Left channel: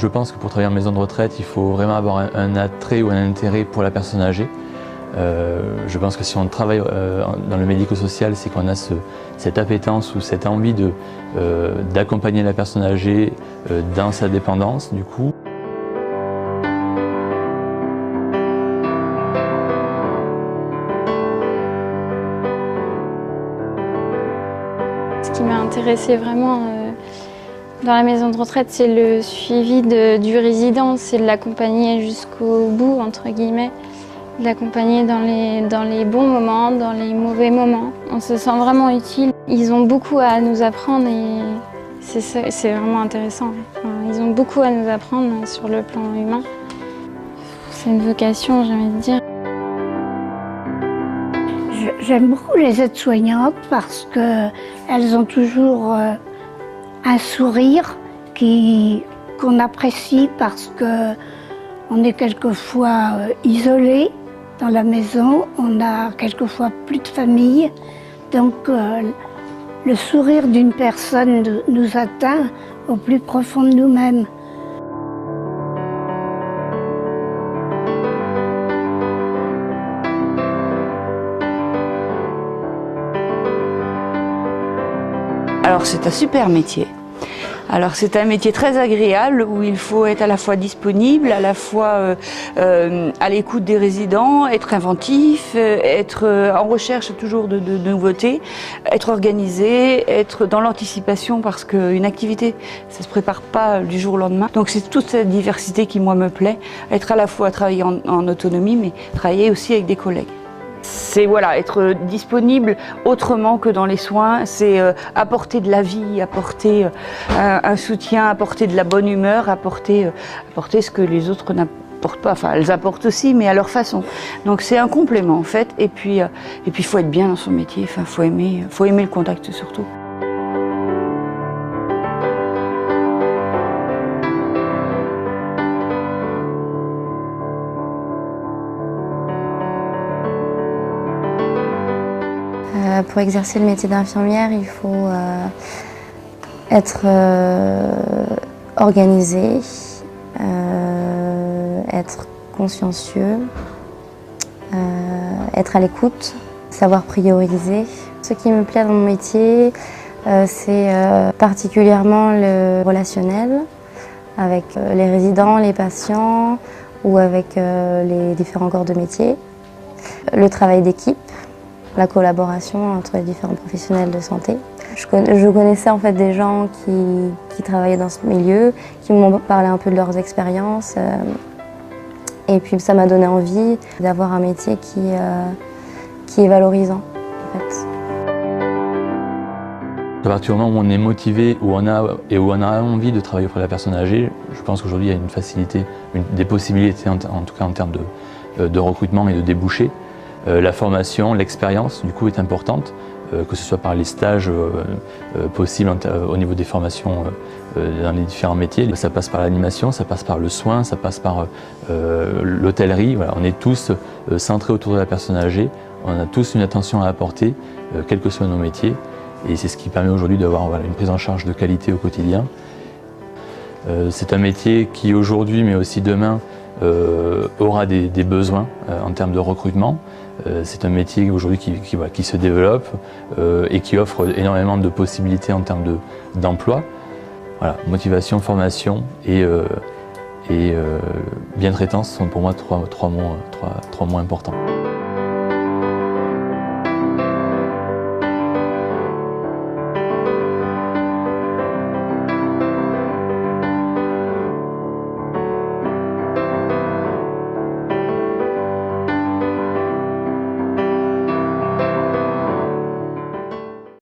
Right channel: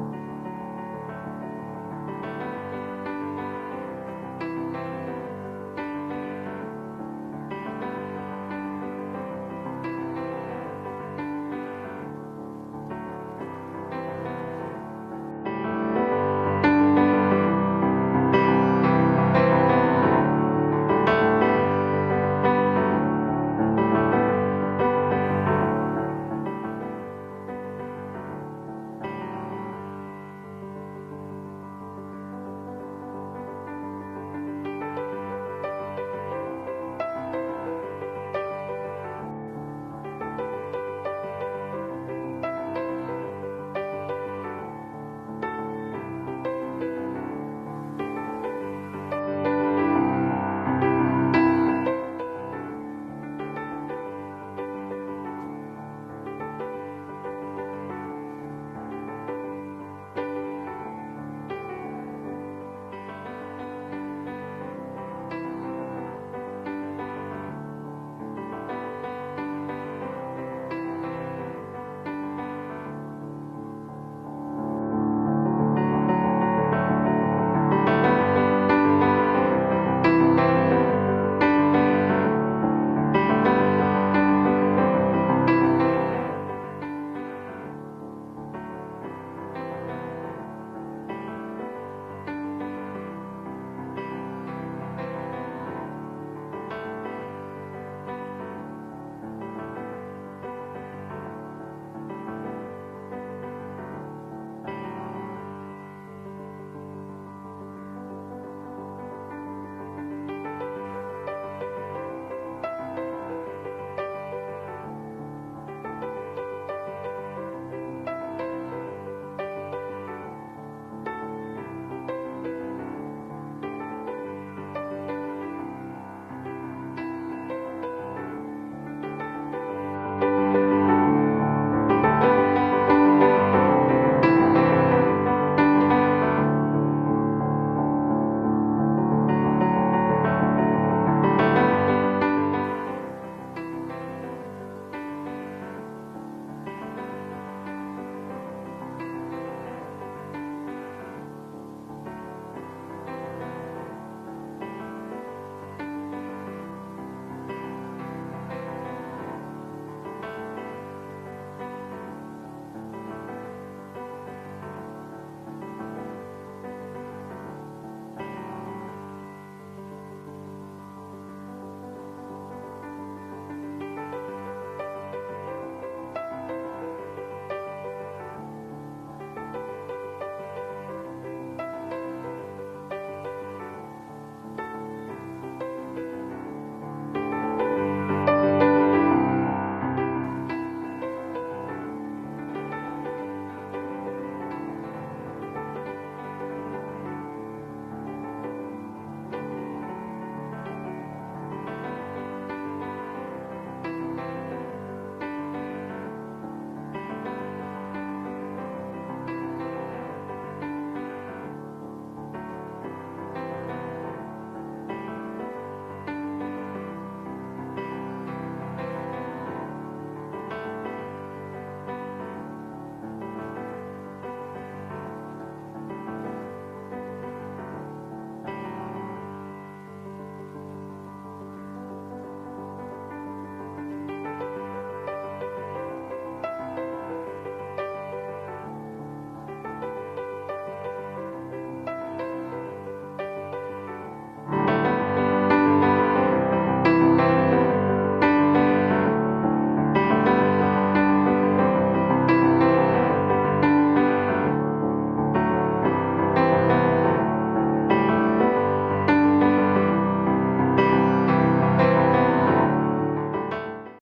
Je pense que pour travailler en maison de retraite, il faut vraiment avoir un attrait ou un intérêt pour la personne âgée. Je pense que si on travaille dans le médico-social, c'est qu'on a cette appétence ou cette envie d'accompagner la personne âgée dans sa dépendance, du coup. Ce qui m'a intéressée vraiment dans la maison de retraite, c'est le suivi du résident, c'est de l'accompagner jusqu'au bout, entre guillemets, de l'accompagner dans les bons moments, dans les mauvais moments. On se sent vraiment utile. Ils ont beaucoup à nous apprendre et c'est vraiment intéressant. Ils ont beaucoup à nous apprendre sur le plan humain. C'est une vocation, j'ai envie de dire. J'aime beaucoup les aides-soignantes parce qu'elles ont toujours un sourire qu'on apprécie parce qu'on est quelquefois isolé dans la maison, on a quelquefois plus de famille. Donc le sourire d'une personne nous atteint au plus profond de nous-mêmes. Alors c'est un super métier. Alors c'est un métier très agréable où il faut être à la fois disponible, à la fois à l'écoute des résidents, être inventif, être en recherche toujours de nouveautés, être organisé, être dans l'anticipation parce qu'une activité, ça ne se prépare pas du jour au lendemain. Donc c'est toute cette diversité qui moi me plaît, être à la fois travailler en autonomie mais travailler aussi avec des collègues. C'est voilà, être disponible autrement que dans les soins, c'est apporter de la vie, apporter un soutien, apporter de la bonne humeur, apporter ce que les autres n'apportent pas. Enfin, elles apportent aussi, mais à leur façon. Donc c'est un complément en fait. Et puis il faut être bien dans son métier. Enfin, faut aimer le contact surtout. Pour exercer le métier d'infirmière, il faut être organisé, être consciencieux, être à l'écoute, savoir prioriser. Ce qui me plaît dans mon métier, c'est particulièrement le relationnel avec les résidents, les patients ou avec les différents corps de métier. Le travail d'équipe. La collaboration entre les différents professionnels de santé. Je connaissais en fait des gens qui travaillaient dans ce milieu, qui m'ont parlé un peu de leurs expériences. Et puis ça m'a donné envie d'avoir un métier qui est valorisant. En fait. À partir du moment où on est motivé, où on a envie de travailler auprès de la personne âgée, je pense qu'aujourd'hui il y a une facilité, des possibilités en tout cas en termes de recrutement et de débouchés. La formation, l'expérience, du coup, est importante, que ce soit par les stages possibles au niveau des formations dans les différents métiers. Ça passe par l'animation, ça passe par le soin, ça passe par l'hôtellerie. Voilà, on est tous centrés autour de la personne âgée, on a tous une attention à apporter, quels que soient nos métiers. Et c'est ce qui permet aujourd'hui d'avoir une prise en charge de qualité au quotidien. C'est un métier qui aujourd'hui, mais aussi demain, aura des besoins en termes de recrutement. C'est un métier aujourd'hui qui se développe et qui offre énormément de possibilités en termes d'emploi. Voilà, motivation, formation et bientraitance sont pour moi trois mots importants.